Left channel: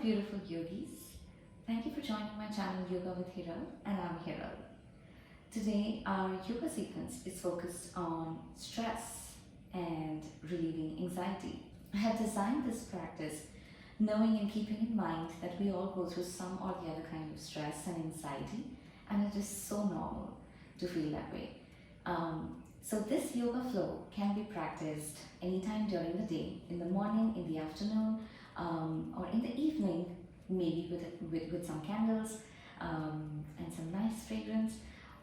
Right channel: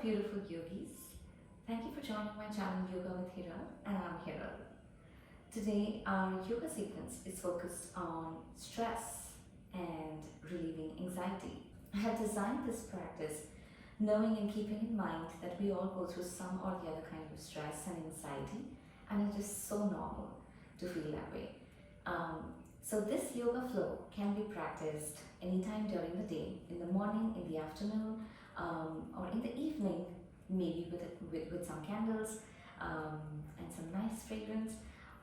beautiful yogis. Thank you for joining my channel Yoga with Hiral, and I'm Hiral. Today our yoga sequence is focused on stress and relieving anxiety. I have designed this practice knowing and keeping in mind that we all go through some or the other kind of stress and anxiety, and it is so normal to feel that way. So this yoga flow can be practiced anytime during the day, in the morning, in the afternoon, or in the evening, maybe with some candles and some nice fragrance,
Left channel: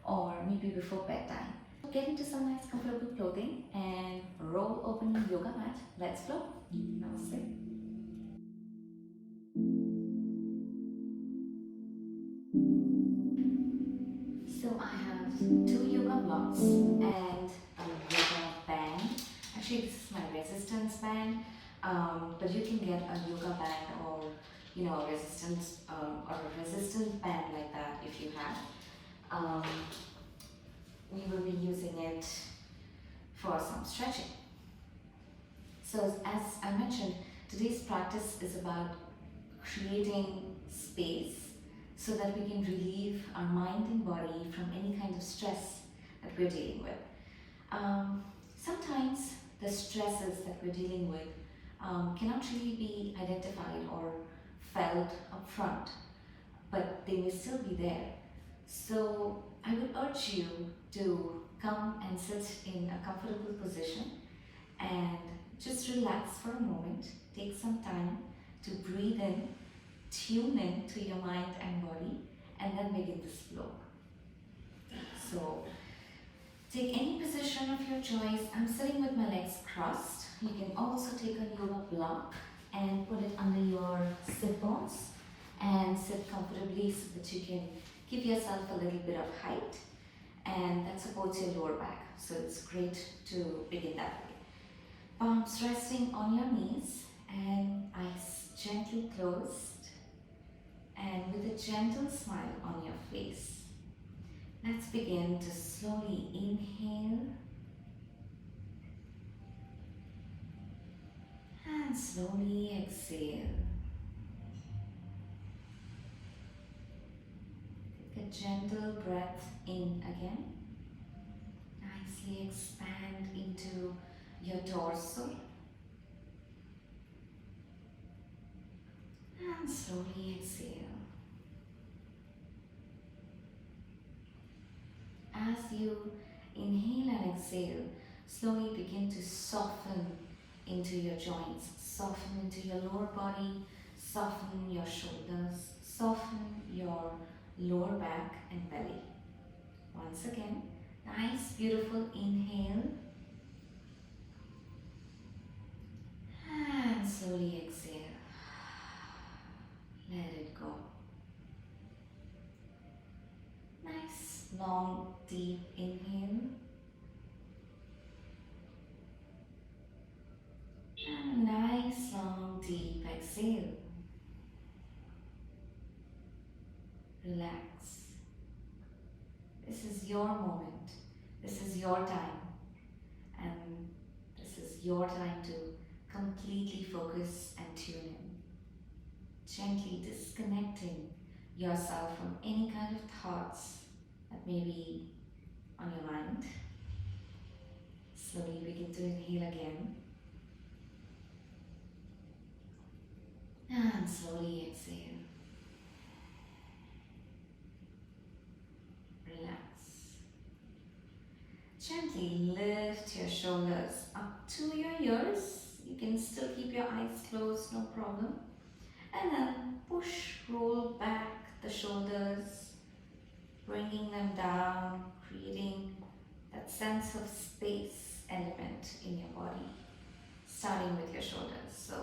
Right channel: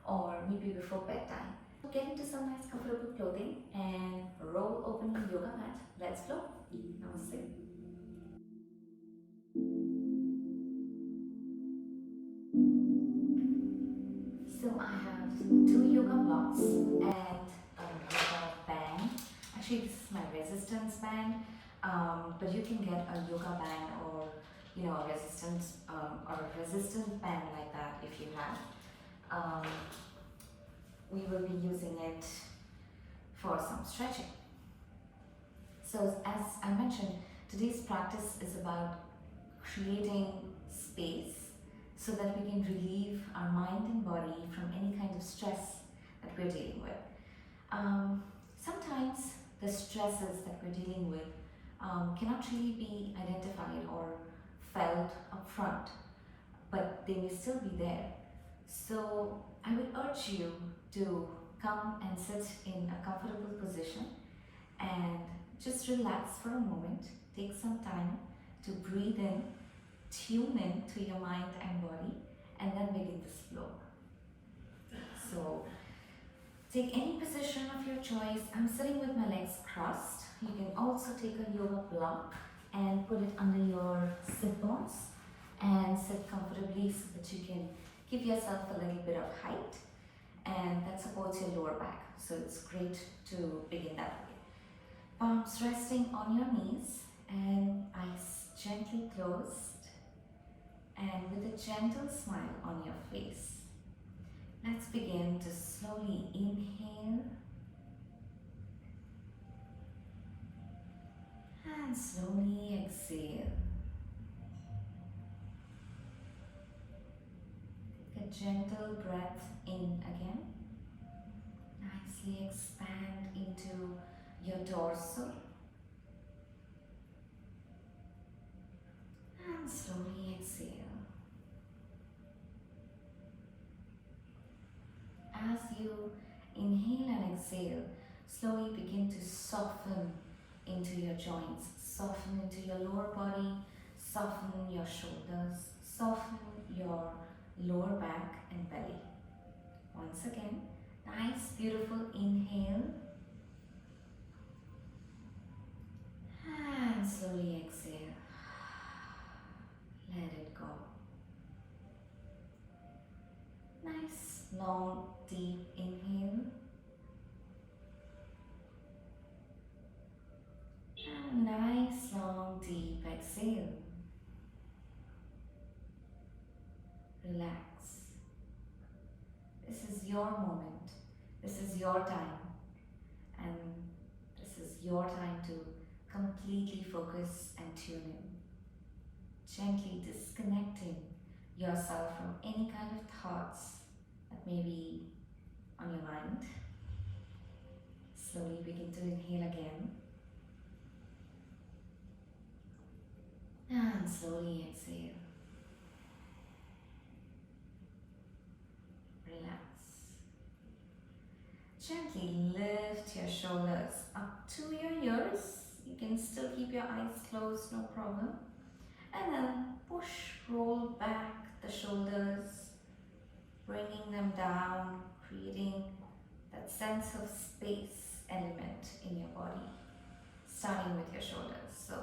or maybe before bedtime. Get into some nice comfortable clothing and roll open your yoga mat. Let's flow. Namaste. So I have two yoga blocks and a yoga band. Actually, this is my resistance band, but you can get a yoga band or a resistance band like that if you have. We will be using it for some stretching. So as I mentioned, today's practice is about creating space so that we can relieve our mind and body from any kind of stress that we're dealing with. Sometimes the stresses that we're dealing with cannot really be identified or felt up front, but they may still be there. So I would urge you to come and sit in a comfortable position and just relax for a moment. Take some time to breathe in, tune in to your mind and body, and then begin this flow. So take any position of your choice. I'm sitting with my legs crossed. You can also take a yoga block and put it under your sit bones and sit comfortably so that you can give yourself a little bit of height, and that supports your lower back. So it's great to begin that way. Palms resting on your knees and eyes gently closed, and with a gentle smile on your face. Let's begin to slowly inhale and slowly exhale. Take a gentle breath in again. Nicely expand into your torso and slowly exhale. As you inhale and exhale, slowly begin to soften into your joints, soften into your lower body, soften your shoulders, soften your lower back and belly. Once again, nice beautiful inhale and slowly exhale. Let it go. Nice long deep inhale and nice long deep exhale. Relax. This is your moment. This is your time. And this is your time to completely focus and tune in. Gently disconnecting yourself from any kind of thoughts that may be on your mind. Slowly begin to inhale again. And slowly exhale. Relax. Gently lift your shoulders up to your ears. You can still keep your eyes closed, no problem. And then roll back the shoulders, bringing them down, creating that sense of space element in your body, starting with your shoulders. So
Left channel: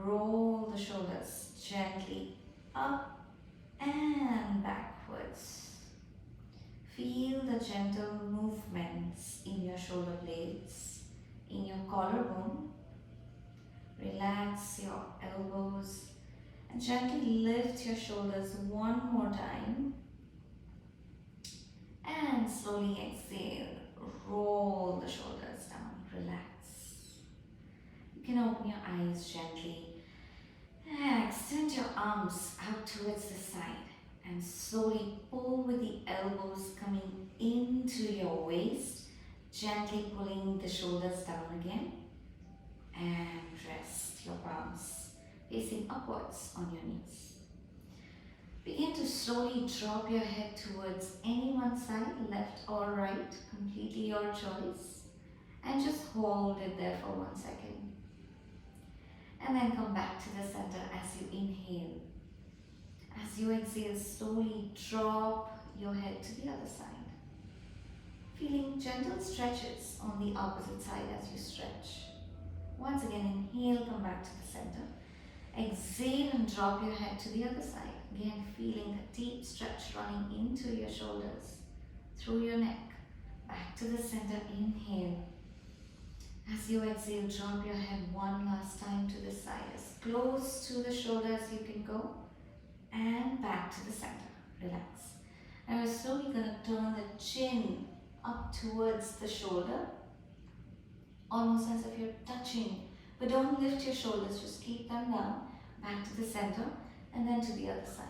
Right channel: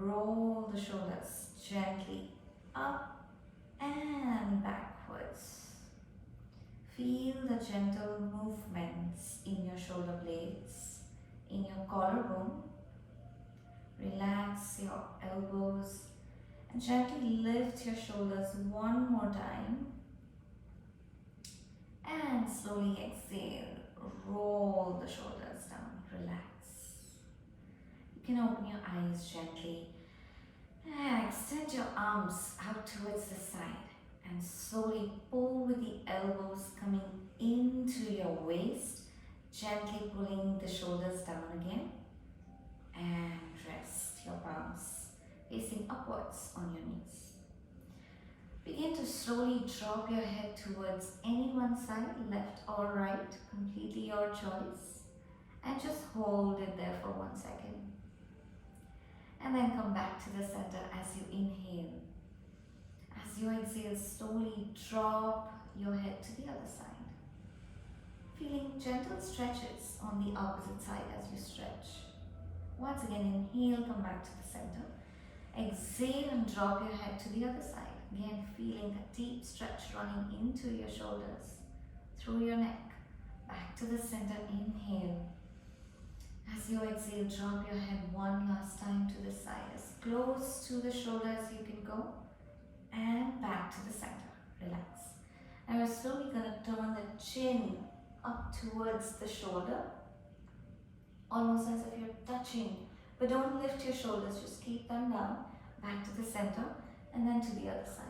roll the shoulders gently up and backwards. Feel the gentle movements in your shoulder blades, in your collarbone. Relax your elbows and gently lift your shoulders one more time. And slowly exhale, roll the shoulders down, relax. You can open your eyes gently and extend your arms out towards the side and slowly pull with the elbows coming into your waist, gently pulling the shoulders down again, and rest your palms facing upwards on your knees. Begin to slowly drop your head towards any one side, left or right, completely your choice, and just hold it there for 1 second. And then come back to the center as you inhale. As you exhale, slowly drop your head to the other side. Feeling gentle stretches on the opposite side as you stretch. Once again, inhale, come back to the center. Exhale and drop your head to the other side. Again, feeling a deep stretch running into your shoulders, through your neck. Back to the center, inhale. As you exhale, drop your head one last time to the side, as close to the shoulder as you can go, and back to the center. Relax. Now we're slowly going to turn the chin up towards the shoulder, almost as if you're touching, but don't lift your shoulders, just keep them down, back to the center, and then to the other side.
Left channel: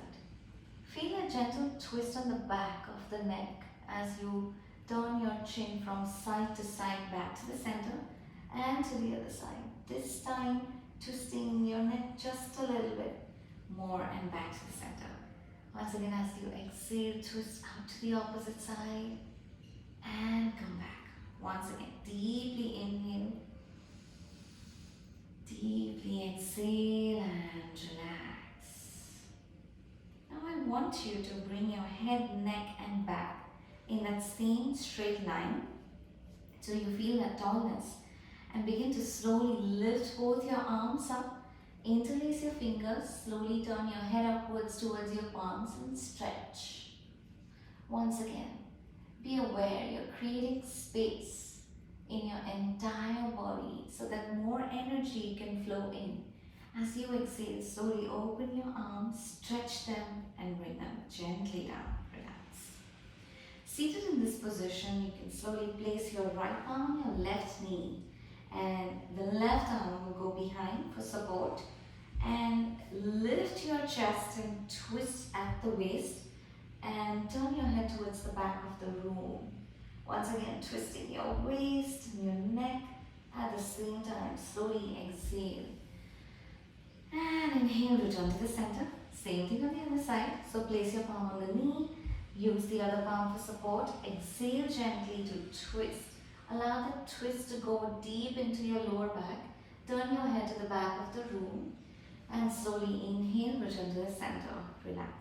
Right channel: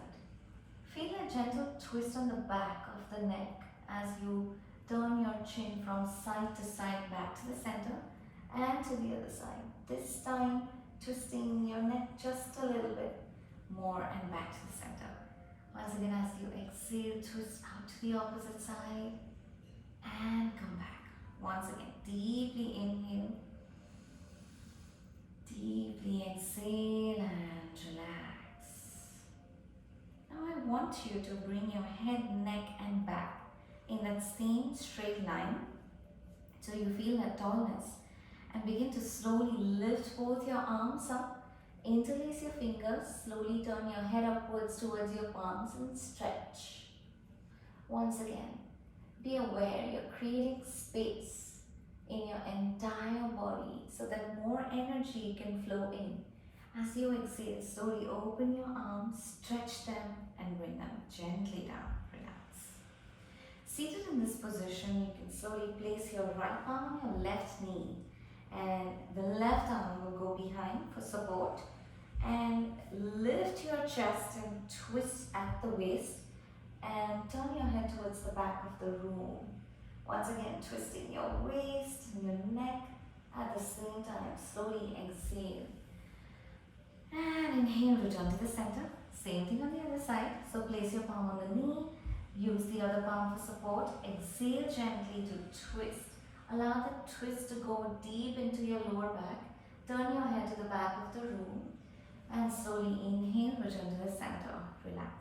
Feel a gentle twist on the back of the neck as you turn your chin from side to side, back to the center, and to the other side. This time, twisting your neck just a little bit more and back to the center. Once again, as you exhale, twist out to the opposite side and come back. Once again, deeply inhale, deeply exhale and relax. Now I want you to bring your head, neck and back in that same straight line so you feel that tallness, and begin to slowly lift both your arms up, interlace your fingers, slowly turn your head upwards towards your palms and stretch. Once again, be aware you're creating space in your entire body so that more energy can flow in. As you exhale, slowly open your arms, stretch them and bring them gently down. Relax. Seated in this position, you can slowly place your right palm on your left knee, and the left arm will go behind for support, and lift your chest and twist at the waist and turn your head towards the back of the room. Once again, twisting your waist and your neck at the same time. Slowly exhale and inhale, return to the center. Same thing on the other side. So place your palm on the knee, use the other palm for support. Exhale gently to twist. Allow the twist to go deep into your lower back. Turn your head to the back of the room and slowly inhale, return to the center. Relax.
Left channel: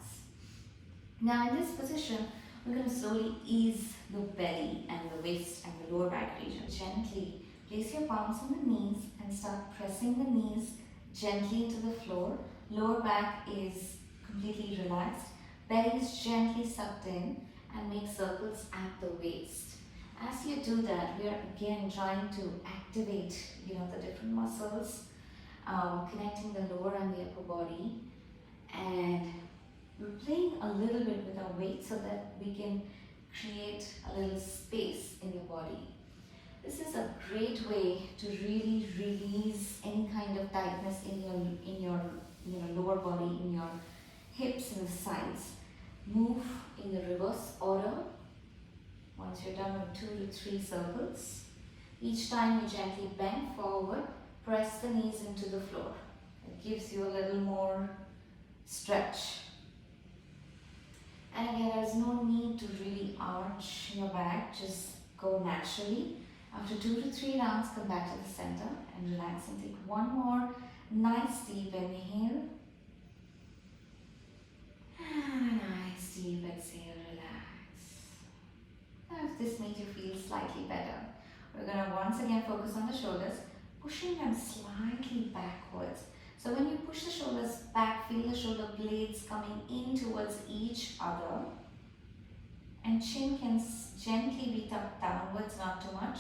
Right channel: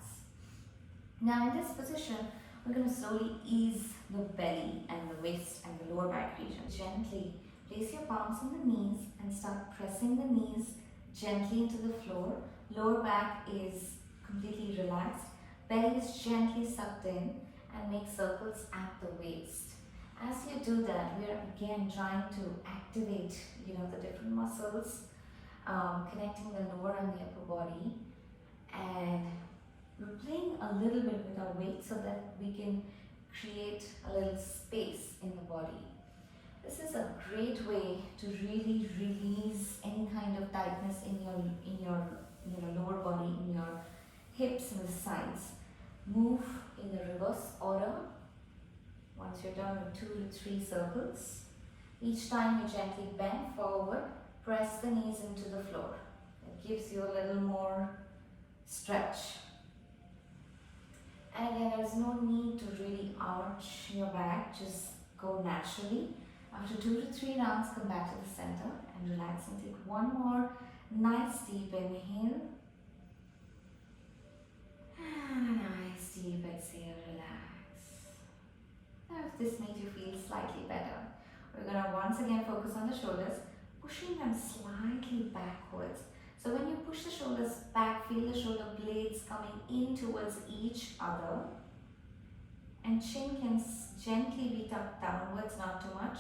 Now in this position, we're going to slowly ease the belly and the waist and the lower back region. Gently place your palms on the knees and start pressing the knees gently into the floor. Lower back is completely relaxed. Belly is gently sucked in and make circles at the waist. As you do that, we are again trying to activate, the different muscles, connecting the lower and the upper body, and we're playing a little bit with our weight so that we can create a little space in the body. This is a great way to really release any kind of tightness in your lower body, in your hips and the sides. Move in the reverse order. Once you're done with 2 to 3 circles, each time you gently bend forward, press the knees into the floor. It gives you a little more stretch. And again, there's no need to really arch your back, just go naturally. After 2 to 3 rounds, come back to the center and relax and take one more nice deep inhale. And a nice deep exhale, relax. Now if this makes you feel slightly better, we're going to once again focus on the shoulders, pushing them slightly backwards. So when you push the shoulders back, feel the shoulder blades coming in towards each other, and chin can gently be tucked downwards, not too much,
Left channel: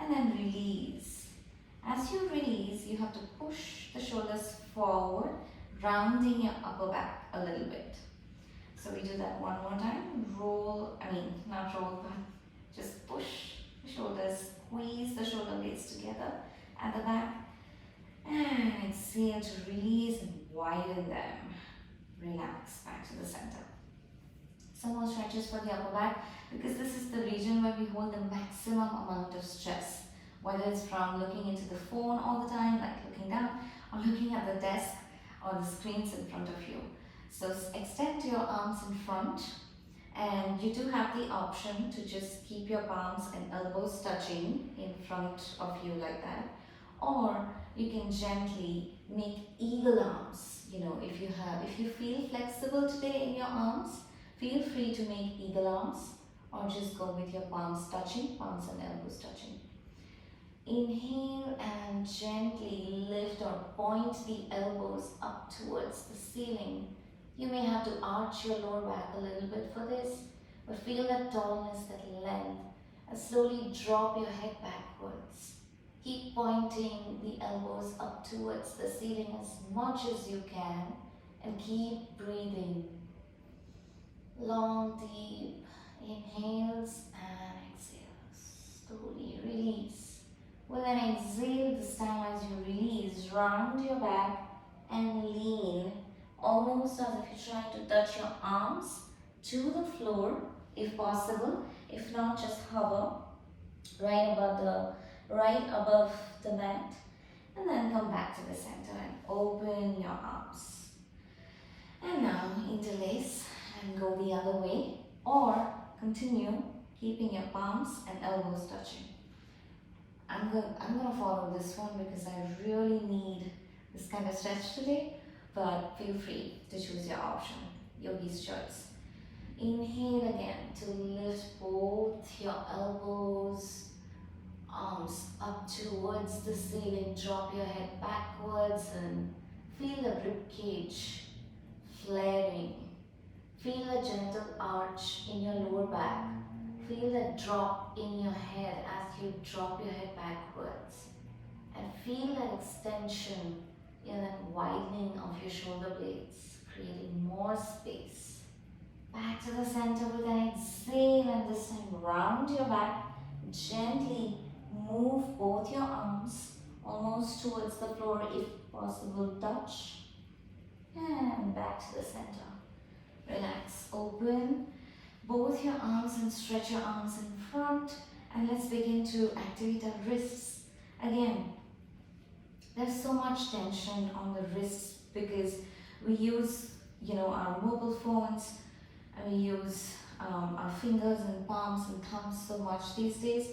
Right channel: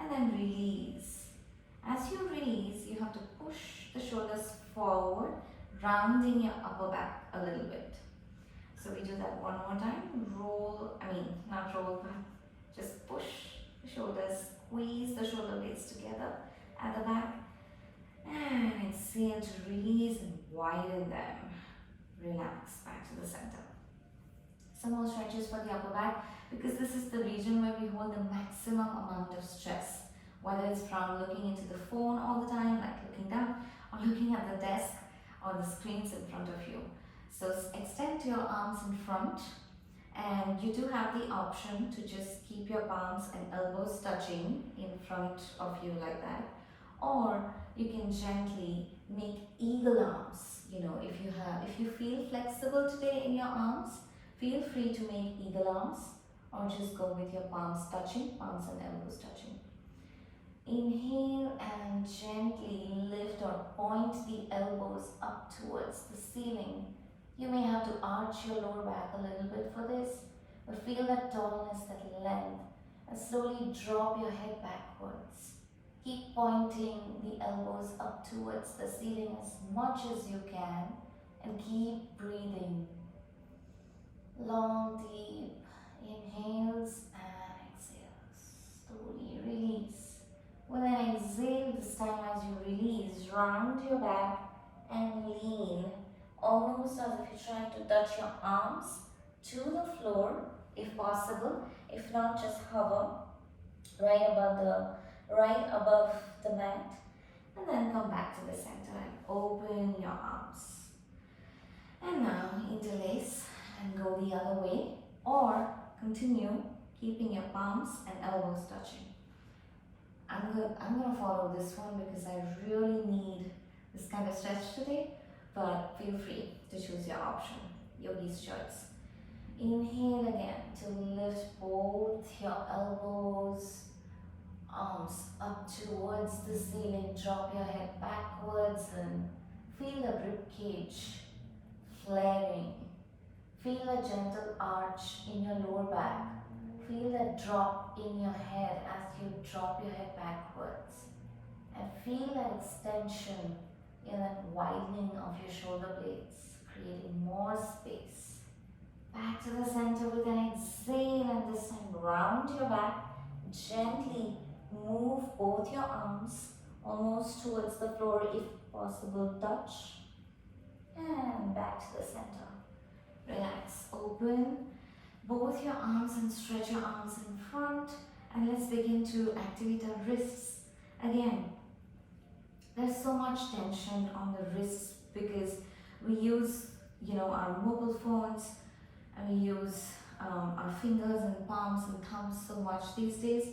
and then release. As you release, you have to push the shoulders forward, rounding your upper back a little bit. So we do that one more time. Not roll, but just push the shoulders, squeeze the shoulder blades together at the back, and exhale to release and widen them. relax back to the center. Some more stretches for the upper back, because this is the region where we hold the maximum amount of stress, whether it's from looking into the phone all the time, like looking down, or looking at the desk or the screens in front of you. So extend your arms in front, and you do have the option to just keep your palms and elbows touching in front of you like that, or you can gently make eagle arms. If you feel flexible today in your arms, feel free to make eagle arms, or just go with your palms touching, palms and elbows touching. Inhale and gently lift or point the elbows up towards the ceiling. You may have to arch your lower back a little bit for this, but feel that tallness, that length, and slowly drop your head backwards. Keep pointing the elbows up towards the ceiling as much as you can, and keep breathing. Long, deep inhales and exhales. Slowly release. With an exhale, this time as you release, round your back and lean, almost as if you're trying to touch your arms to the floor, if possible. If not, just hover right above the mat, and then come back to the center and open your arms. And now interlace and go the other way, or continue keeping your palms and elbows touching. I'm going to follow this one because I really need this kind of stretch today, but feel free to choose your option, yogi's choice. Inhale again to lift both your elbows, arms up towards the ceiling. Drop your head backwards and feel the rib cage flaring. Feel a gentle arch in your lower back. Feel that drop in your head as you drop your head backwards. And feel that extension, that widening of your shoulder blades, creating more space. Back to the center with an exhale, and this time round your back. Gently move both your arms almost towards the floor, if possible, touch. And back to the center. Relax, open both your arms and stretch your arms in front, and let's begin to activate our wrists. Again, there's so much tension on the wrists because we use our mobile phones, and we use our fingers and palms and thumbs so much these days.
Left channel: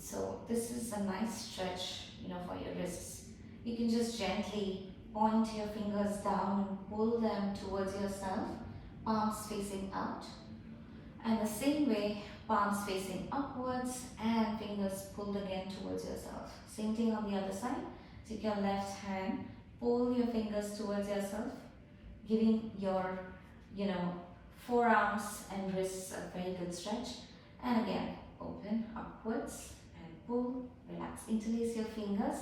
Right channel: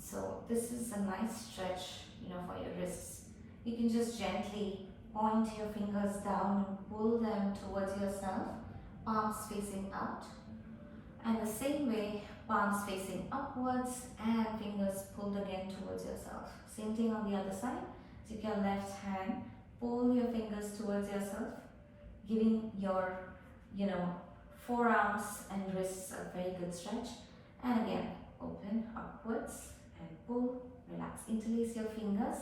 So this is a nice stretch for your wrists. You can just gently point your fingers down and pull them towards yourself, palms facing out. And the same way, palms facing upwards and fingers pulled again towards yourself. Same thing on the other side. Take your left hand, pull your fingers towards yourself, giving your forearms and wrists a very good stretch. And again, open upwards and pull, relax. Interlace your fingers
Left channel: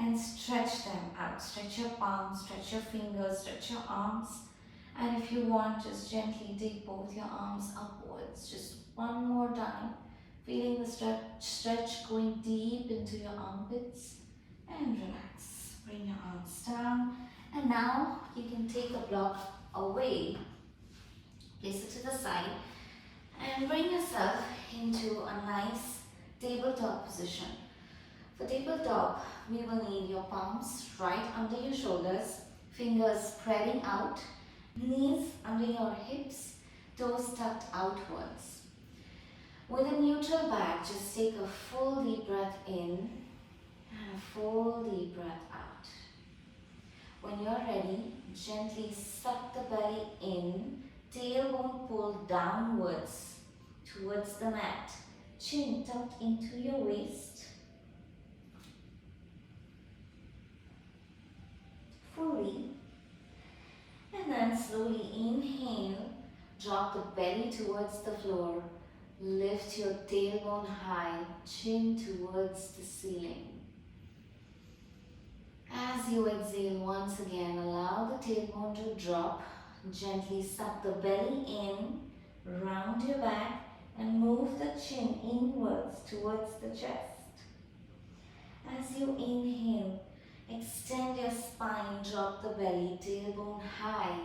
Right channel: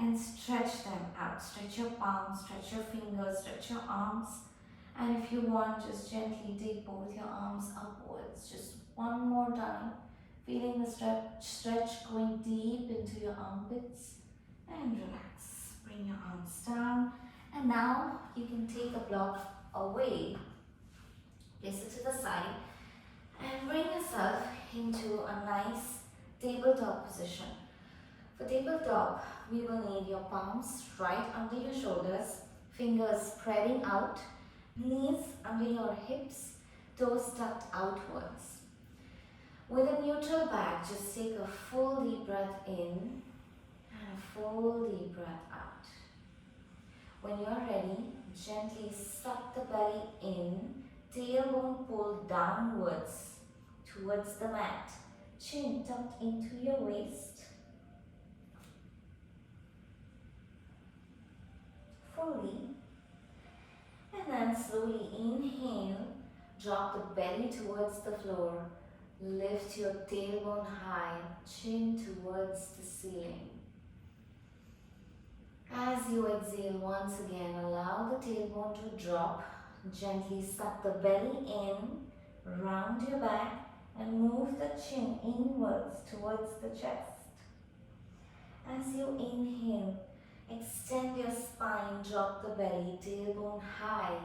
and stretch them out. Stretch your palms, stretch your fingers, stretch your arms. And if you want, just gently take both your arms upwards. Just one more time. Feeling the stretch going deep into your armpits. And relax. Bring your arms down. And now you can take a block away. Place it to the side. And bring yourself into a nice tabletop position. For tabletop, we will need your palms right under your shoulders, fingers spreading out, knees under your hips, toes tucked outwards. With a neutral back, just take a full deep breath in and a full deep breath out. When you're ready, gently suck the belly in, tailbone pulled downwards towards the mat, chin tucked into your waist. Fully. And then slowly inhale, drop the belly towards the floor, lift your tailbone high, chin towards the ceiling. As you exhale, once again, allow the tailbone to drop, gently suck the belly in, round your back, and move the chin inwards towards the chest. As you inhale, Extend your spine, drop the belly, tailbone high,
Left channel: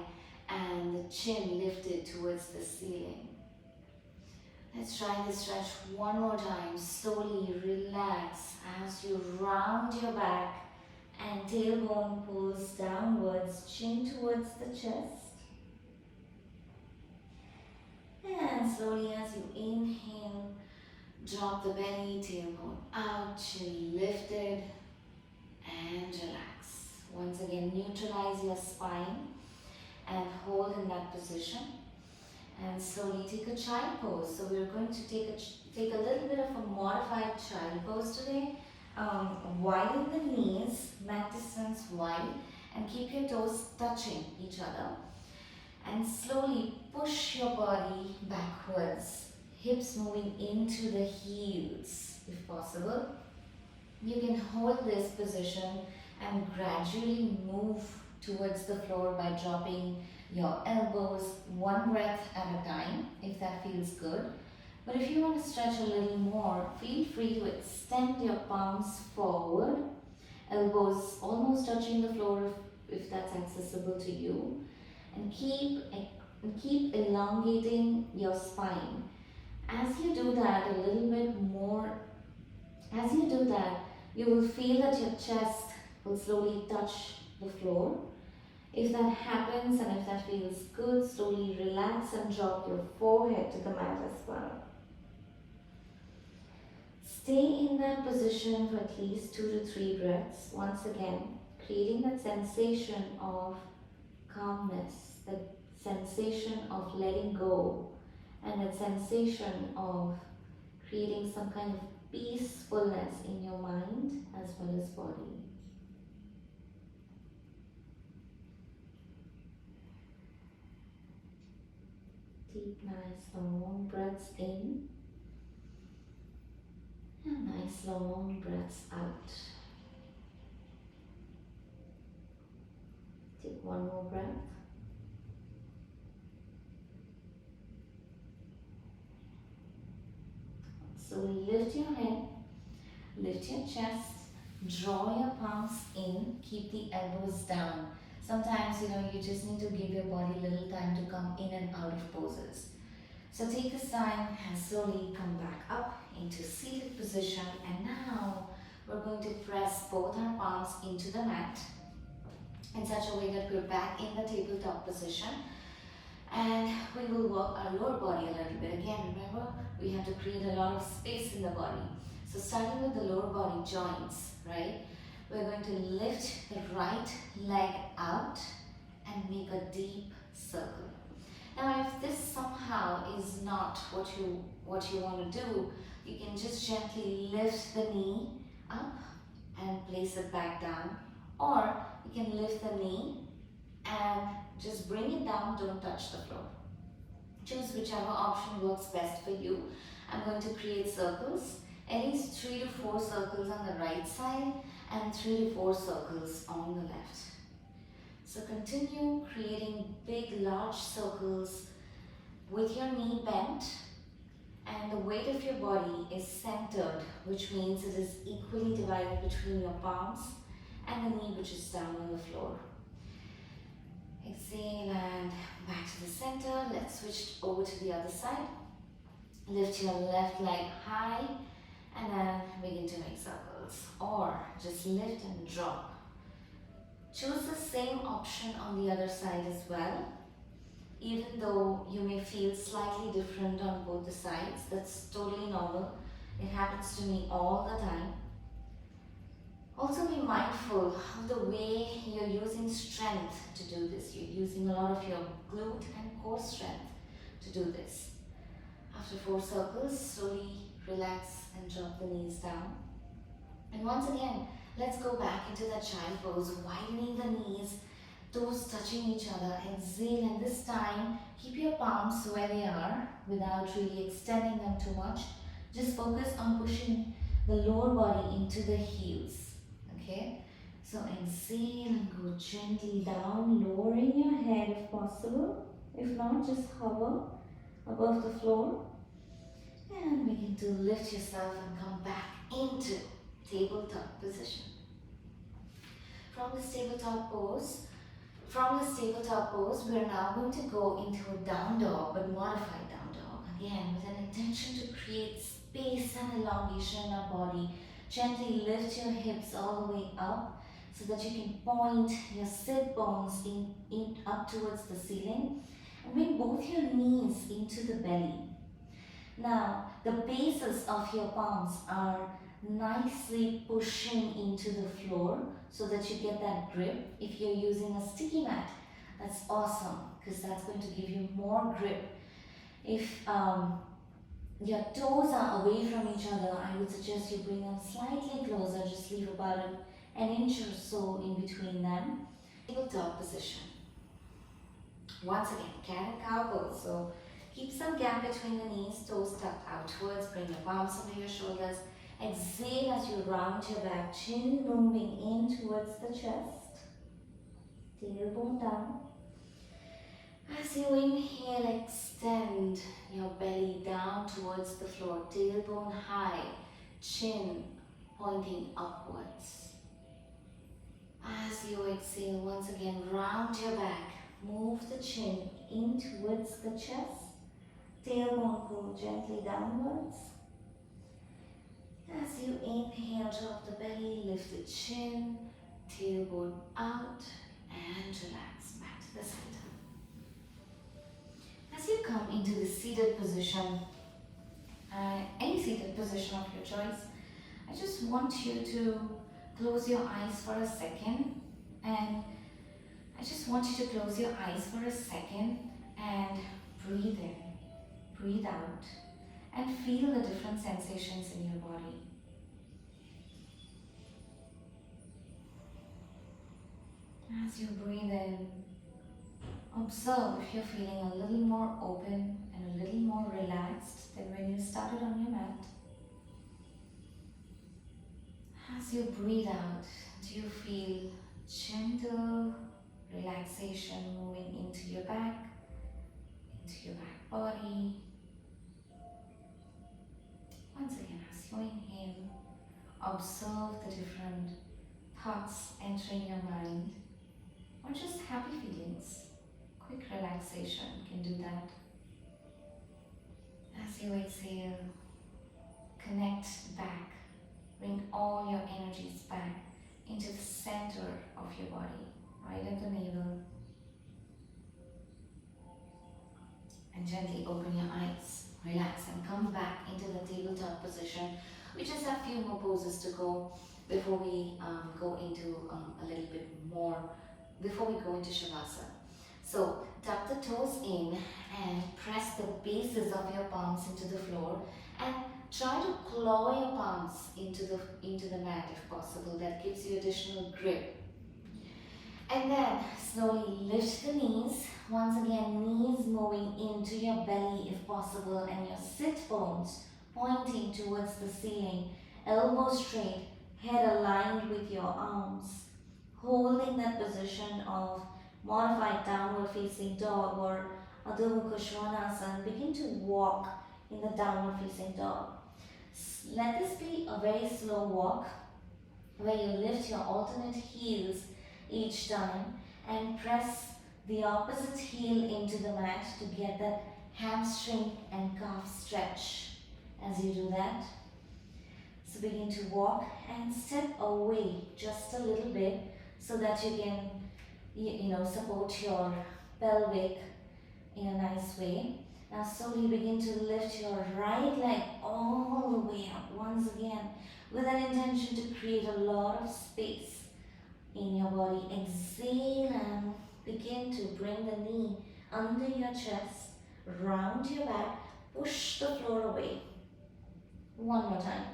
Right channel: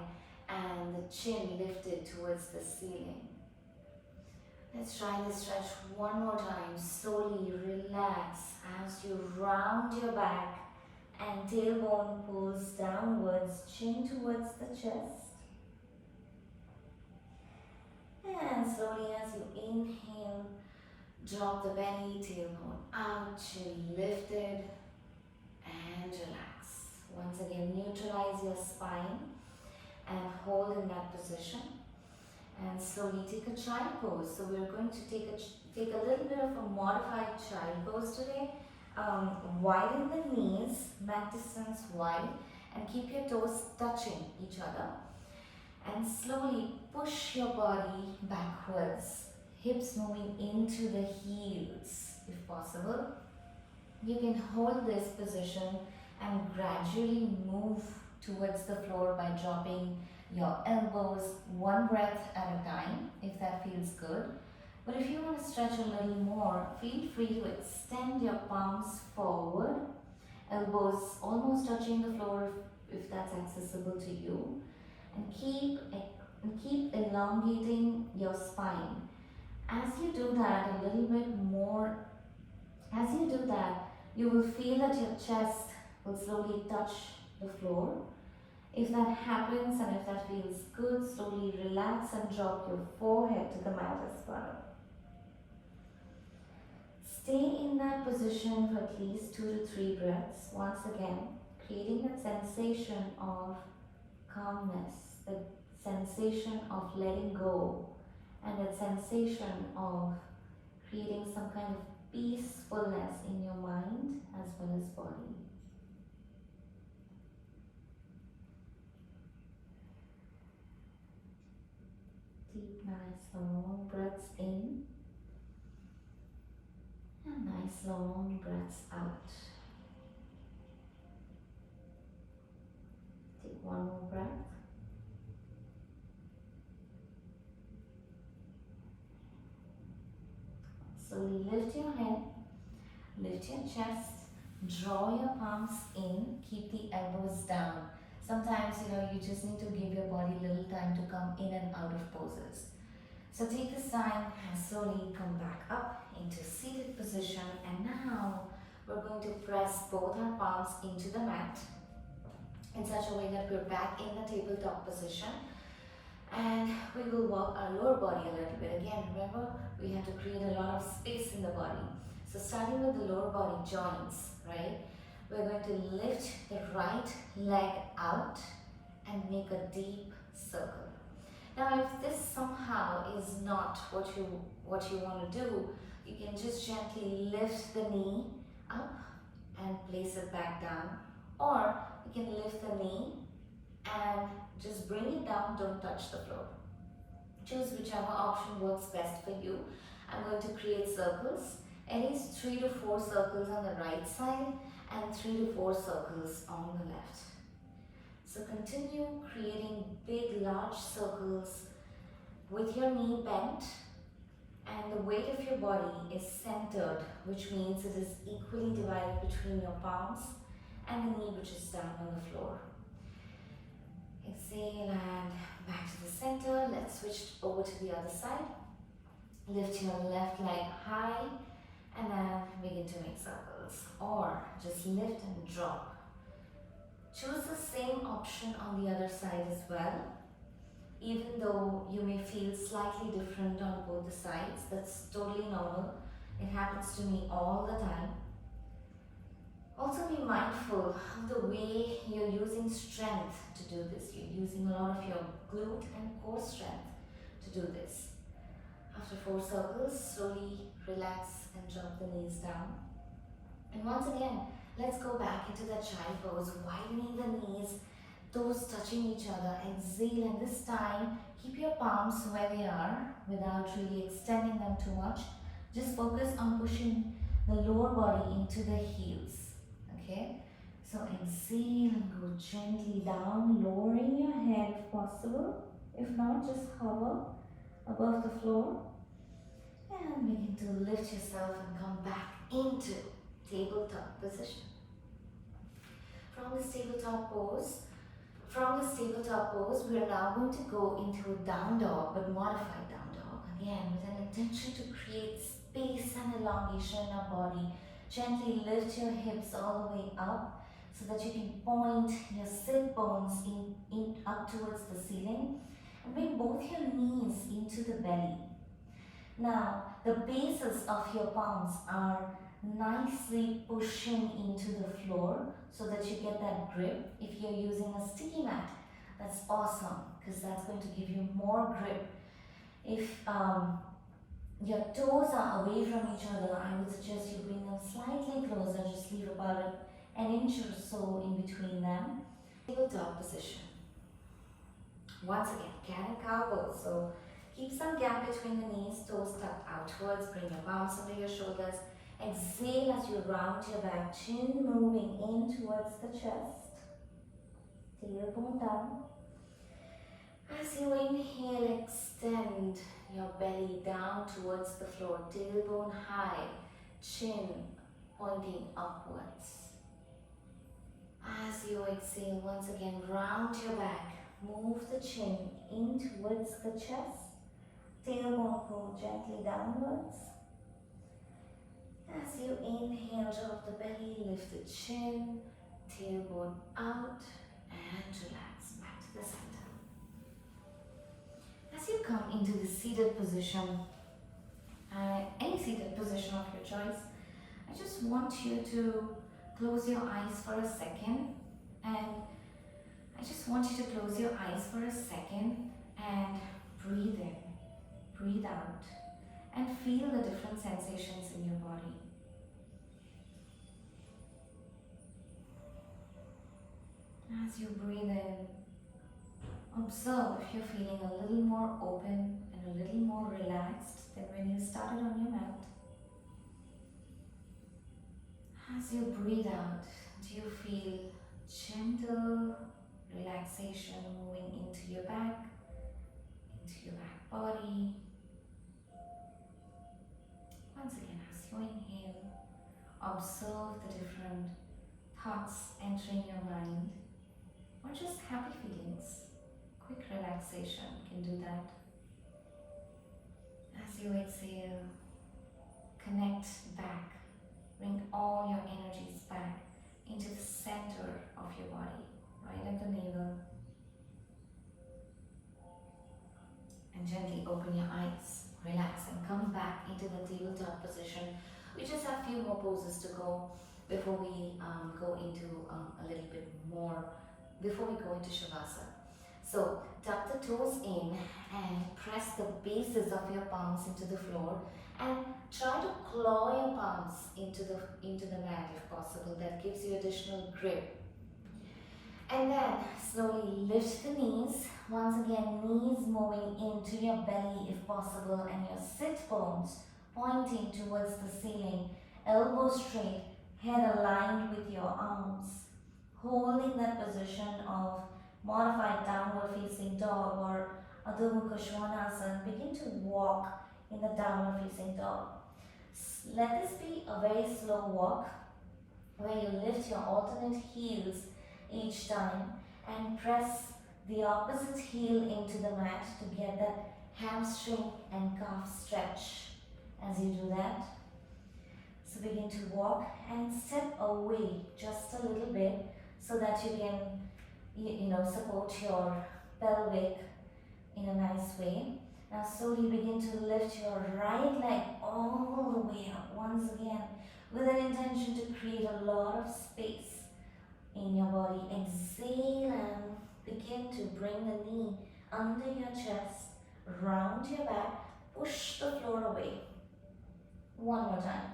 and the chin lifted towards the ceiling. Let's try this stretch one more time. Slowly relax as you round your back and tailbone pulls downwards, chin towards the chest. And slowly as you inhale, drop the belly, tailbone out, chin lifted, and relax. Once again, neutralize your spine and hold in that position. And slowly take a child pose. So we're going to take a little bit of a modified child pose today. Widen the knees, mat distance wide, and keep your toes touching each other. And slowly push your body backwards, hips moving into the heels if possible. You can hold this position and gradually move towards the floor by dropping your elbows one breath at a time if that feels good. But if you want to stretch a little more, feel free to extend your palms forward, elbows almost touching the floor if that's accessible to you, and keep elongating your spine. As you do that a little bit more, as you do that, you will feel that your chest will slowly touch the floor. If that happens and if that feels good, slowly relax and drop your forehead to the mat as well. Stay in that position for at least 2 to 3 breaths. Once again, creating that sensation of calmness, that sensation of letting go, and that sensation of creating some kind of peacefulness in your mind as well as body. Deep, nice, long breaths in and nice, long breaths out. Take one more breath. Slowly lift your head, lift your chest, draw your palms in, keep the elbows down. Sometimes, you just need to give your body a little time to come in and out of poses. So take this time and slowly come back up into seated position. And now we're going to press both our palms into the mat in such a way that we're back in the tabletop position. And we will work our lower body a little bit. Again, remember, we have to create a lot of space in the body. So starting with the lower body joints, right? We're going to lift the right leg out and make a deep circle. Now, if this somehow is not what you want to do, you can just gently lift the knee up and place it back down. Or you can lift the knee and just bring it down, don't touch the floor. Choose whichever option works best for you. I'm going to create circles, at least 3 to 4 circles on the right side and 3 to 4 circles on the left. So continue creating big, large circles with your knee bent and the weight of your body is centered, which means it is equally divided between your palms and the knee which is down on the floor. Exhale and back to the center. Let's switch over to the other side. Lift your left leg high and then begin to make circles, or just lift and drop. Choose the same option on the other side as well. Even though you may feel slightly different on both the sides, that's totally normal. It happens to me all the time. Also be mindful of the way you're using strength to do this. You're using a lot of your glute and core strength to do this. After 4 circles, slowly relax and drop the knees down. And once again, let's go back into that child pose, widening the knees, toes touching each other. Exhale, and this time, keep your palms where they are without really extending them too much. Just focus on pushing the lower body into the heels. Okay, so exhale and go gently down, lowering your head if possible. If not, just hover above the floor and begin to lift yourself and come back into tabletop position. from this tabletop pose, we are now going to go into a down dog, but modified down dog. Again, with an intention to create space and elongation in our body. Gently lift your hips all the way up so that you can point your sit bones in up towards the ceiling. And bring both your knees into the belly. Now, the bases of your palms are nicely pushing into the floor so that you get that grip. If you're using a sticky mat, that's awesome because that's going to give you more grip. If your toes are away from each other, I would suggest you bring them slightly closer, just leave about an inch or so in between them. Tabletop position. Once again, cat and cow pose. So keep some gap between the knees, toes tucked outwards, bring your palms under your shoulders. Exhale as you round your back, chin moving in towards the chest, tailbone down. As you inhale, extend your belly down towards the floor, tailbone high, chin pointing upwards. As you exhale, once again, round your back, move the chin in towards the chest, tailbone pull gently downwards. As you inhale, drop the belly, lift the chin, tailbone out, and relax back to the center. As you come into the seated position, any seated position of your choice, I just want you to close your eyes for a second, and I just want you to close your eyes for a second and breathe in, breathe out, and feel the different sensations in your body. As you breathe in, observe if you're feeling a little more open and a little more relaxed than when you started on your mat. As you breathe out, do you feel gentle relaxation moving into your back body? Once again, as you inhale, observe the different thoughts entering your mind, or just happy feelings. Quick relaxation can do that. As you exhale, connect back. Bring all your energies back into the center of your body, right at the navel. And gently open your eyes, relax, and come back into the tabletop position. We just have a few more poses to go before we go into a little bit more, before we go into Shavasana. So tuck the toes in and press the bases of your palms into the floor, and try to claw your palms into the mat if possible. That gives you additional grip. And then slowly lift the knees. Once again, knees moving into your belly if possible, and your sit bones pointing towards the ceiling. Elbows straight, head aligned with your arms. Holding that position of modified downward facing dog or Adho Mukha Svanasana. Begin to walk in the downward facing dog. Let this be a very slow walk where you lift your alternate heels each time and press the opposite heel into the mat to get that hamstring and calf stretch. As you do that, so begin to walk and step away just a little bit so that you can support your pelvic in a nice way. Now slowly begin to lift your right leg all the way up once again with an intention to create a lot of space in your body. Exhale and begin to bring the knee under your chest, round your back, push the floor away. One more time.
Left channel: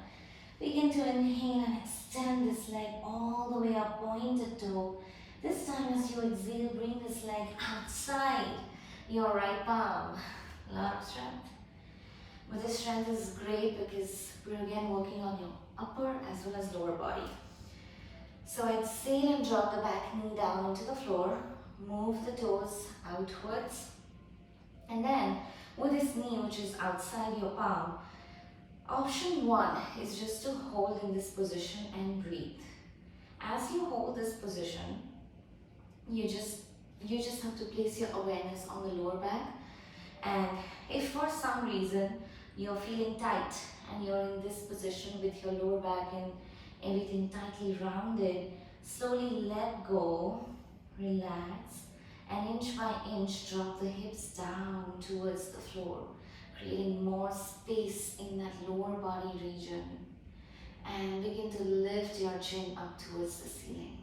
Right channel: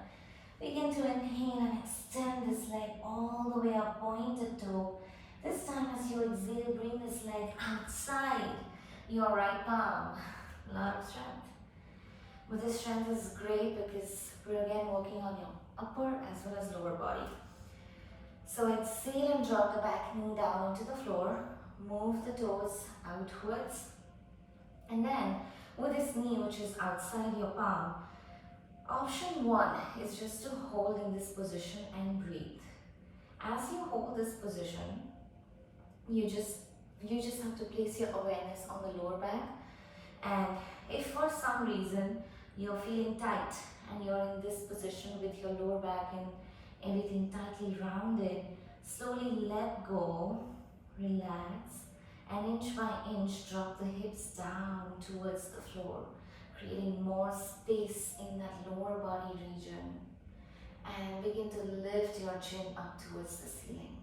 Begin to inhale and extend this leg all the way up, pointed toe. This time as you exhale, bring this leg outside your right palm. A lot of strength. But this strength is great because we're again working on your upper as well as lower body. So exhale and drop the back knee down into the floor. Move the toes outwards. And then with this knee which is outside your palm, option one is just to hold in this position and breathe. As you hold this position, you just you just have to place your awareness on the lower back. And if for some reason you're feeling tight and you're in this position with your lower back and everything tightly rounded, slowly let go, relax, and inch by inch drop the hips down towards the floor, creating more space in that lower body region. And begin to lift your chin up towards the ceiling.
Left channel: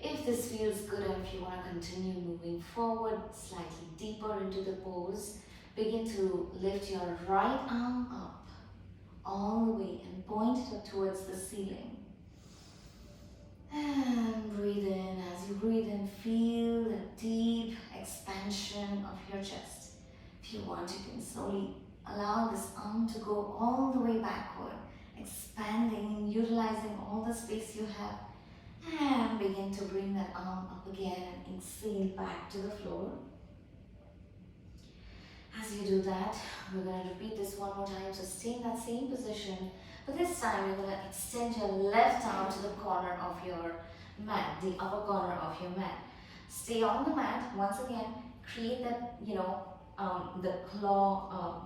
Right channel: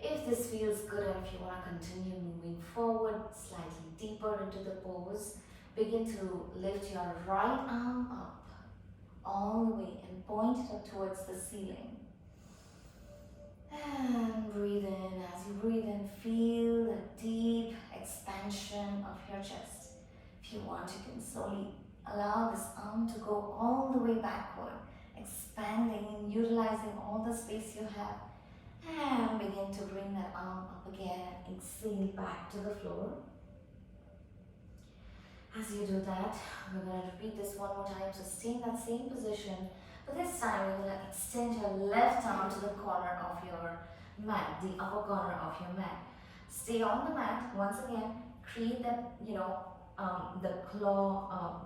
If this feels good and if you want to continue moving forward slightly deeper into the pose, begin to lift your right arm up all the way and point it up towards the ceiling. And breathe in. As you breathe in, feel the deep expansion of your chest. If you want, you can slowly allow this arm to go all the way backward, expanding and utilizing all the space you have. And begin to bring that arm up again and exhale back to the floor. As you do that, we're going to repeat this one more time. So stay in that same position. But this time, you're going to extend your left arm to the corner of your mat, the upper corner of your mat. Stay on the mat. Once again, create that, the claw.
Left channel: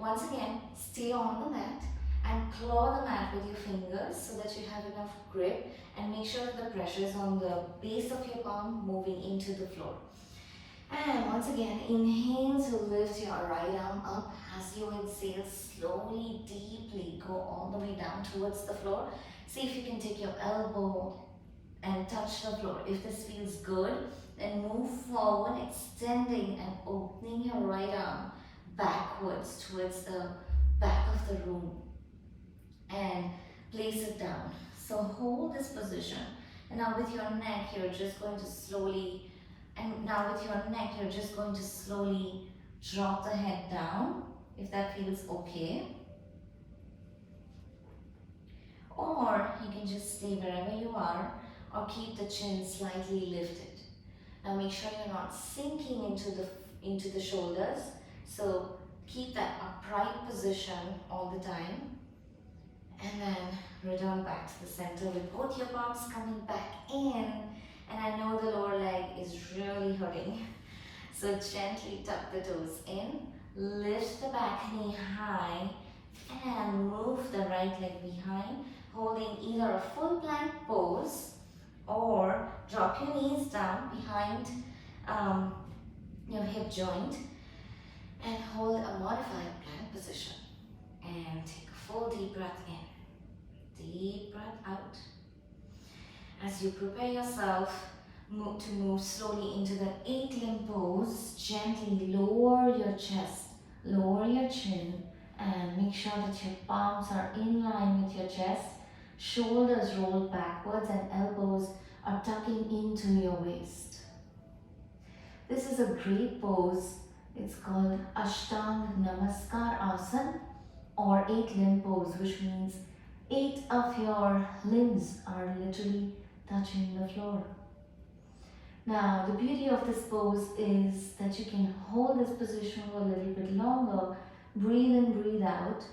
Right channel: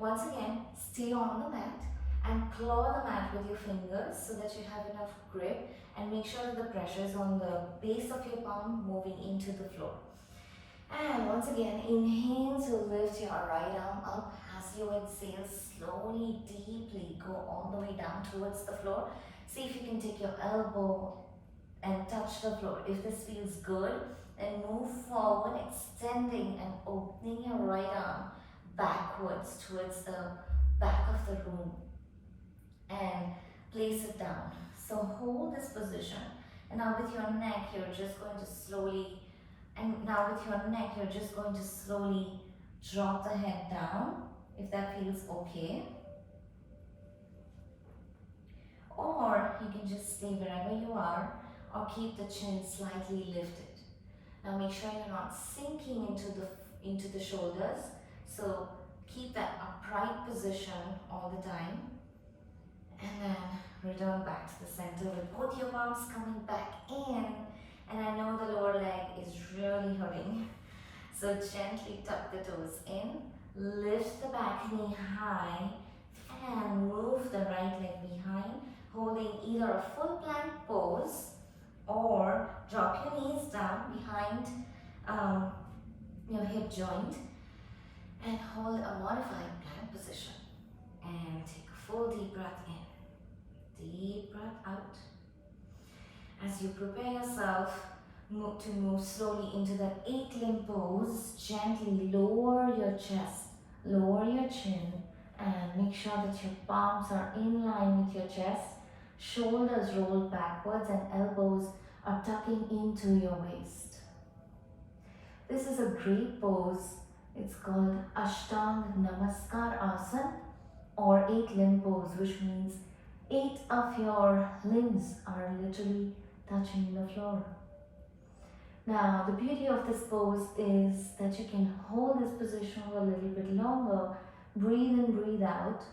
Once again, stay on the mat and claw the mat with your fingers so that you have enough grip, and make sure that the pressure is on the base of your palm moving into the floor. And once again, inhale to lift your right arm up. As you exhale, slowly, deeply go all the way down towards the floor. See if you can take your elbow and touch the floor. If this feels good, then move forward, extending and opening your right arm backwards towards the back of the room and place it down. So hold this position, and now with your neck you're just going to slowly drop the head down, if that feels okay. Or you can just stay wherever you are, or keep the chin slightly lifted. Now make sure you're not sinking into the shoulders. So keep that upright position all the time. And then return back to the center with both your palms coming back in. And I know the lower leg is really hurting. So gently tuck the toes in, lift the back knee high, and move the right leg behind, holding either a full plank pose or drop your knees down behind your hip joint and hold a modified plank position. And take a full deep breath in. Deep breath out. As you prepare yourself to move slowly into that 8-limb pose, gently lower your chest, lower your chin, and make sure that your palms are in line with your chest, shoulders roll backwards, and elbows are tucking into your waist. This is a great pose. It's called Ashtang Namaskar Asana, or 8-limb pose, which means 8 of your limbs are literally touching the floor. Now, the beauty of this pose is that you can hold this position for a little bit longer, breathe in, breathe out,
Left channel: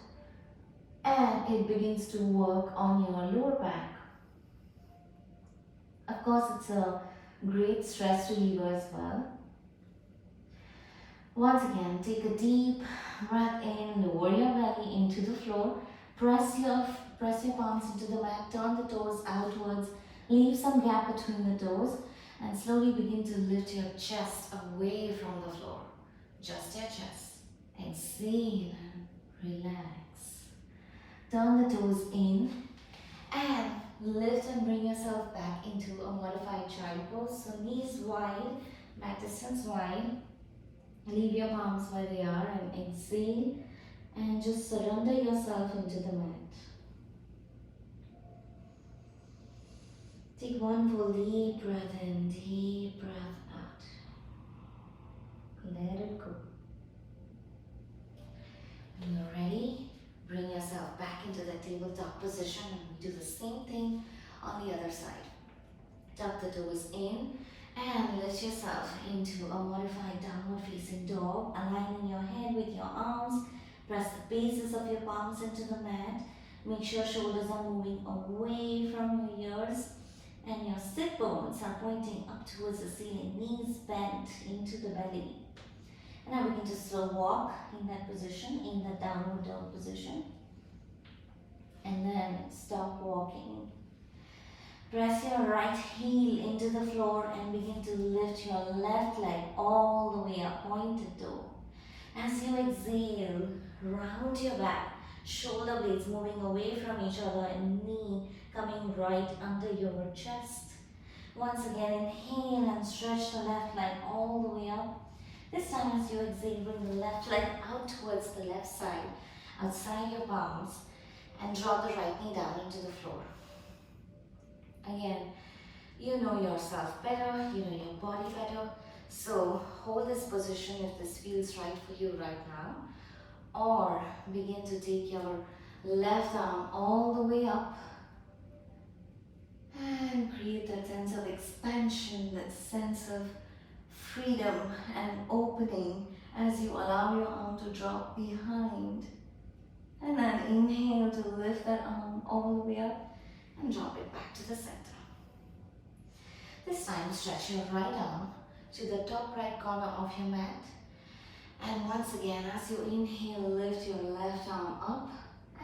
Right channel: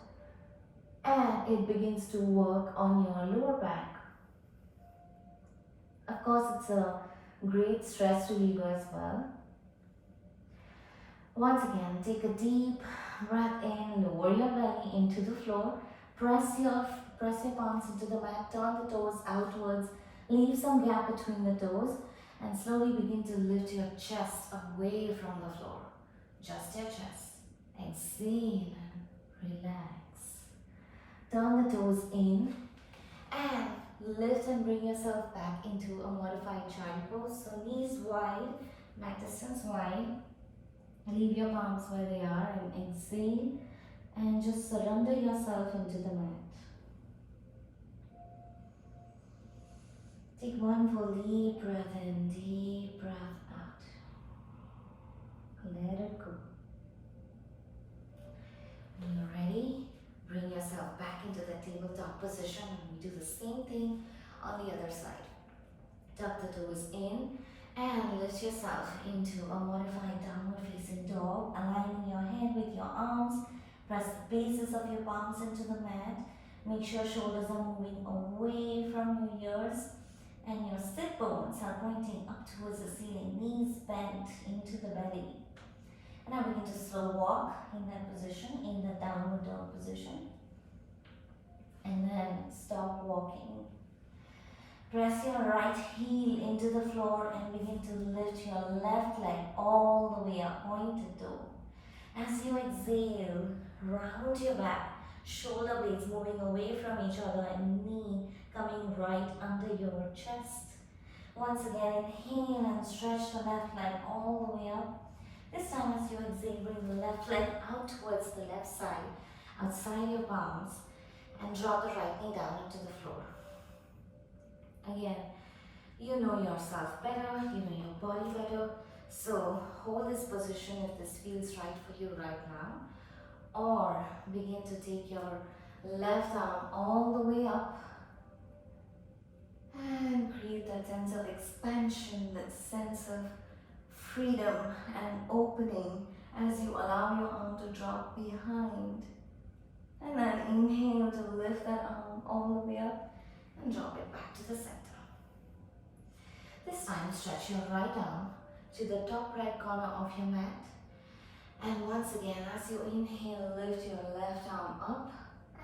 and it begins to work on your lower back. Of course, it's a great stress reliever as well. Once again, take a deep breath in, lower your belly into the floor, press your palms into the mat, turn the toes outwards, leave some gap between the toes, and slowly begin to lift your chest away from the floor. Just your chest. Exhale and relax. Turn the toes in and lift and bring yourself back into a modified child pose. So knees wide, mat distance wide. Leave your palms where they are and exhale and just surrender yourself into the mat. Take one full deep breath in, deep breath out. Let it go. When you're ready, bring yourself back into the tabletop position, and we do the same thing on the other side. Tuck the toes in and lift yourself into a modified downward facing dog, aligning your head with your arms. Press the bases of your palms into the mat. Make sure shoulders are moving away from your ears and your sit bones are pointing up towards the ceiling, knees bent into the belly. And now begin to slow walk in that position, in the downward dog position. And then stop walking. Press your right heel into the floor and begin to lift your left leg all the way up, pointed toe. As you exhale, round your back, shoulder blades moving away from each other and knee coming right under your chest. Once again, inhale and stretch the left leg all the way up. This time as you exhale, bring the left leg out towards the left side, outside your palms, and draw the right knee down into the floor. Again, you know yourself better, you know your body better, so hold this position if this feels right for you right now, or begin to take your left arm all the way up and create that sense of expansion, that sense of freedom and opening as you allow your arm to drop behind. And then inhale to lift that arm all the way up and drop it back to the center. This time stretch your right arm to the top right corner of your mat. And once again, as you inhale, lift your left arm up.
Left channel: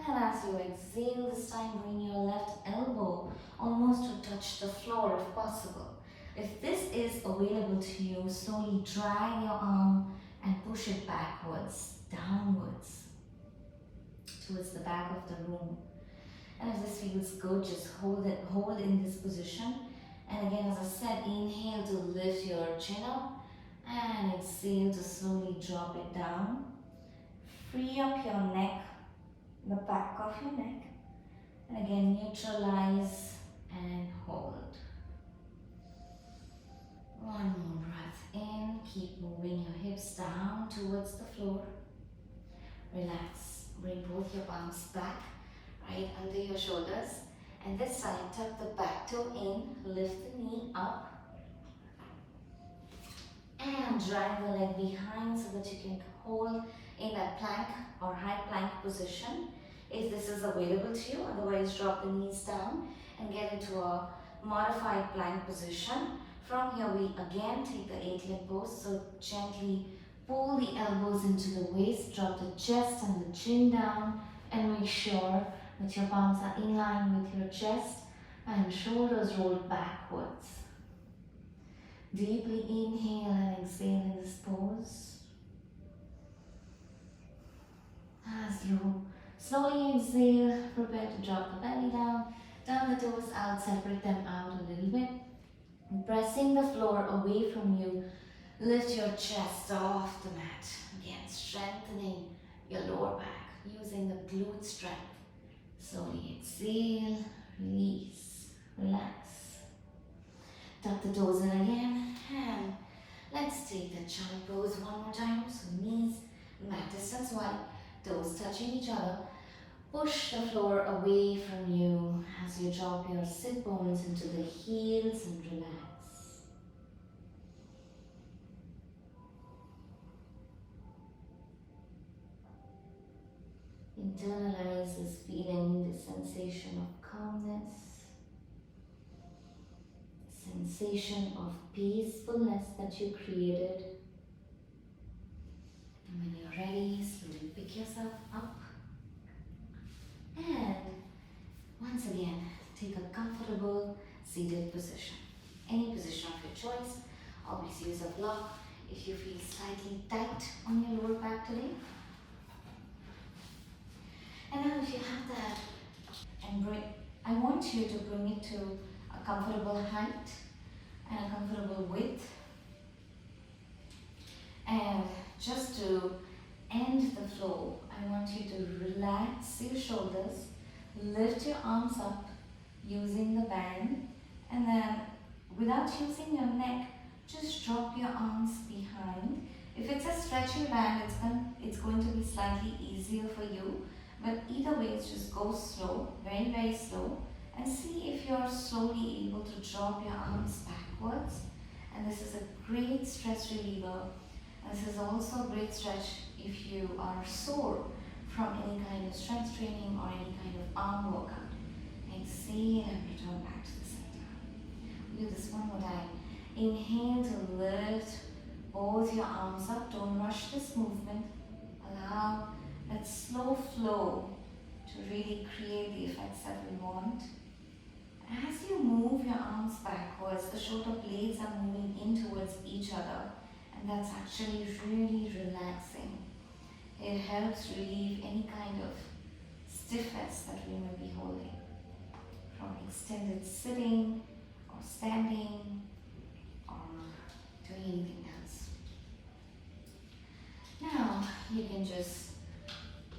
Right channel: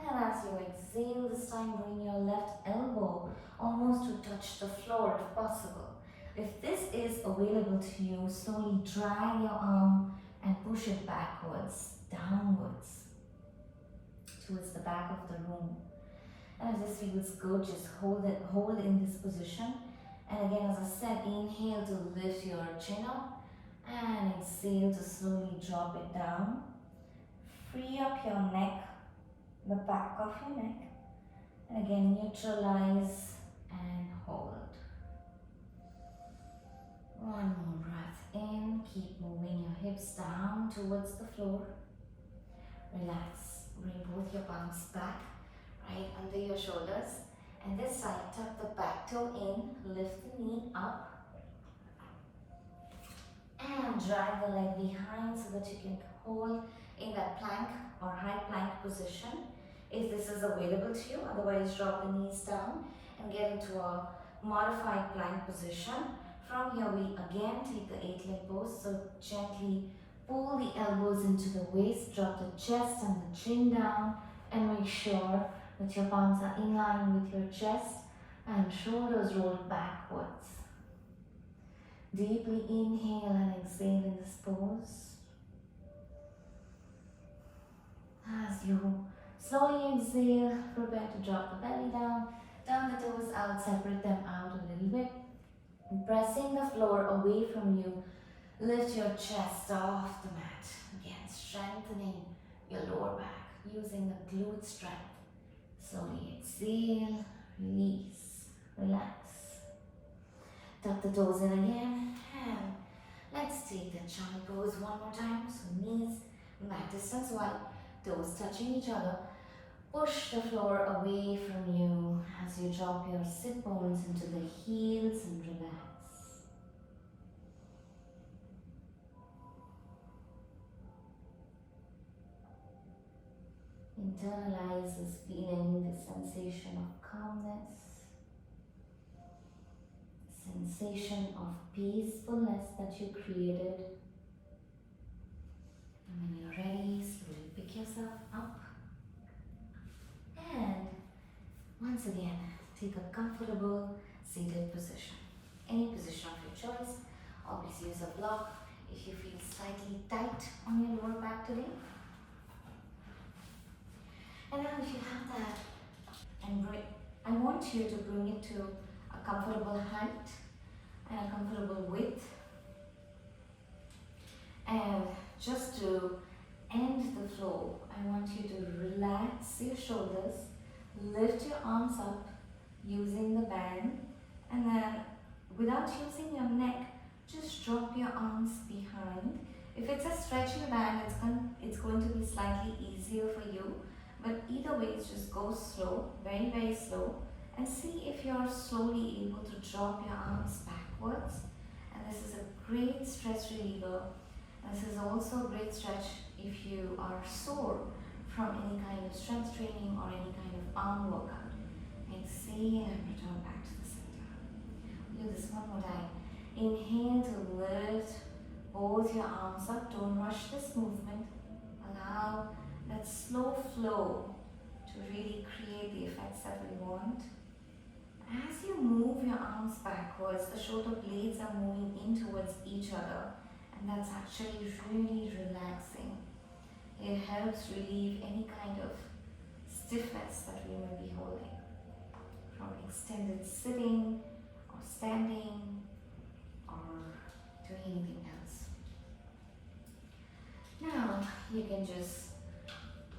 And as you exhale, this time bring your left elbow almost to touch the floor if possible. If this is available to you, slowly drag your arm and push it backwards, downwards, towards the back of the room. And if this feels good, just hold in this position. And again, as I said, inhale to lift your chin up and exhale to slowly drop it down. Free up your neck, the back of your neck. And again, neutralize and hold. One more breath in. Keep moving your hips down towards the floor. Relax. Bring both your palms back, right under your shoulders. And this time, tuck the back toe in, lift the knee up. And drag the leg behind so that you can hold in that plank or high plank position if this is available to you. Otherwise, drop the knees down and get into a modified plank position. From here, we again take the 8-leg pose. So gently pull the elbows into the waist, drop the chest and the chin down, and make sure that your palms are in line with your chest and shoulders rolled backwards. Deeply inhale and exhale in this pose. As you slowly exhale, prepare to drop the belly down, turn the toes out, separate them out a little bit. And pressing the floor away from you, lift your chest off the mat. Again, strengthening your lower back, using the glute strength. Slowly exhale, release, relax. Tuck the toes in again, and let's take the child pose one more time. So knees mat distance wide, toes touching each other. Push the floor away from you as you drop your sit bones into the heels and relax. Internalize this feeling, this sensation of calmness, sensation of peacefulness that you created. And when you're ready, slowly pick yourself up. And once again, take a comfortable seated position. Any position of your choice. Always use a block if you feel slightly tight on your lower back today. And now if you have that, I want you to bring it to a comfortable height and a comfortable width. And just to end the flow, I want you to relax your shoulders, lift your arms up using the band, and then without using your neck, just drop your arms behind. If it's a stretchy band, it's going to be slightly easier for you. But either way, just go slow, very, very slow, and see if you're slowly able to drop your arms backwards. And this is a great stress reliever. This is also a great stretch if you are sore from any kind of strength training or any kind of arm workout. Exhale and return back to the center. Do this one more time. Inhale to lift both your arms up. Don't rush this movement. Allow that slow flow to really create the effects that we want. As you move your arms backwards, the shoulder blades are moving in towards each other, and that's actually really relaxing. It helps relieve any kind of stiffness that we may be holding from extended sitting or standing or doing anything else. Now you can just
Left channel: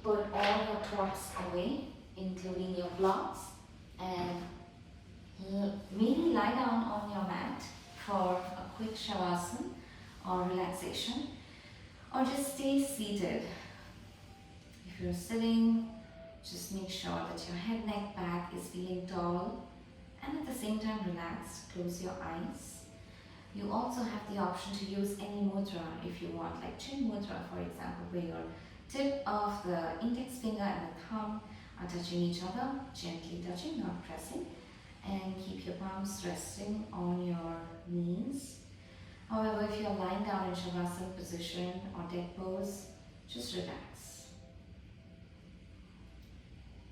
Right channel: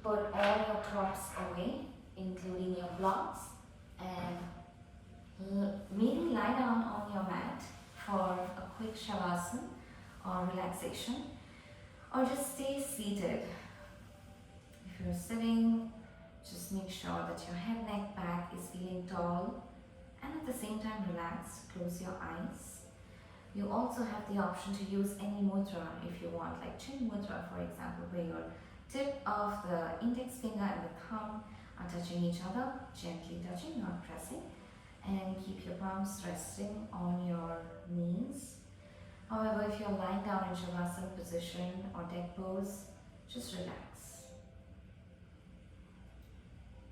put all your props away, including your blocks, and maybe lie down on your mat for a quick shavasana or relaxation, or just stay seated. If you're sitting, just make sure that your head, neck, back is feeling tall and at the same time relaxed. Close your eyes. You also have the option to use any mudra if you want, like chin mudra, for example, where your tip of the index finger and the thumb are touching each other, gently touching, not pressing, and keep your palms resting on your knees. However, if you're lying down in shavasana position or dead pose, just relax.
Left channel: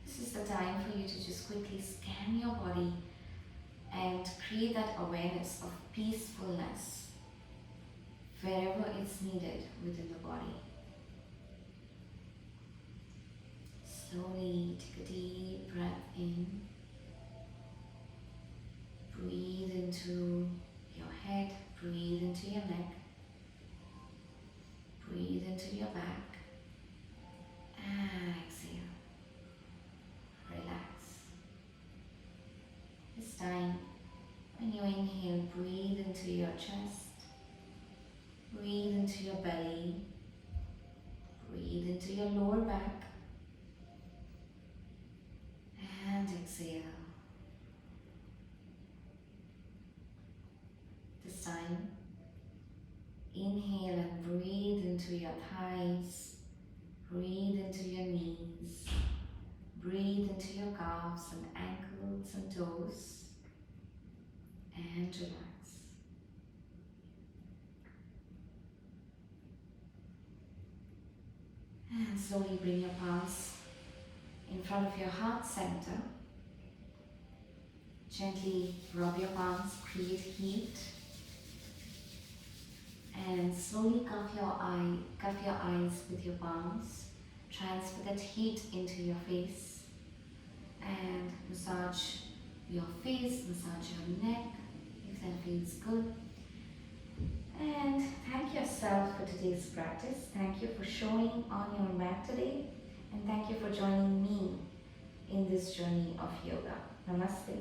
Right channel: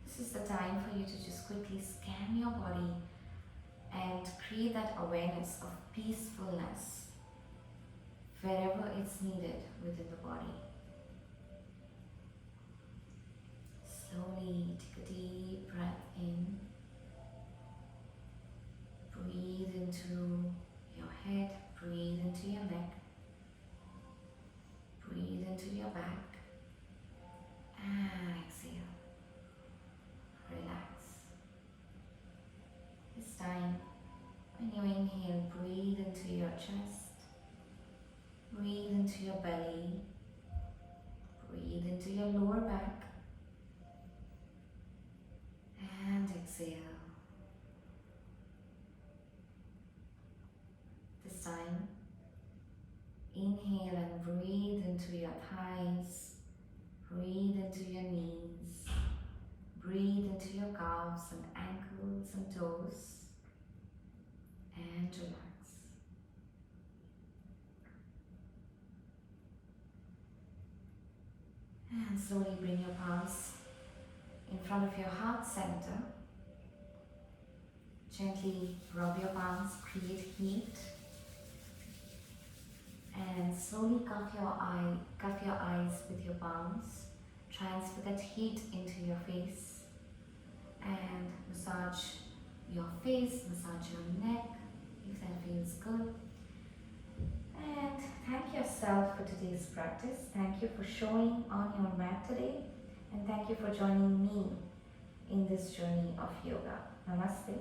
This is the time for you to just quickly scan your body and create that awareness of peacefulness wherever it's needed within the body. Slowly take a deep breath in. Breathe into your head, breathe into your neck, breathe into your back, and exhale. Relax. This time, when you inhale, breathe into your chest, breathe into your belly, breathe into your lower back, and exhale. This time, inhale and breathe into your thighs, breathe into your knees, breathe into your calves and ankles and toes, and relax. And slowly bring your palms in front of your heart center. Gently rub your palms, create heat. And slowly cuff your eyes with your palms. Transfer that heat into your face. And massage your face, massage your neck, if that feels good. And thank yourself for today's practice. Thank you for showing on your mat today. And thank you for joining me in this journey of yoga. Namaste.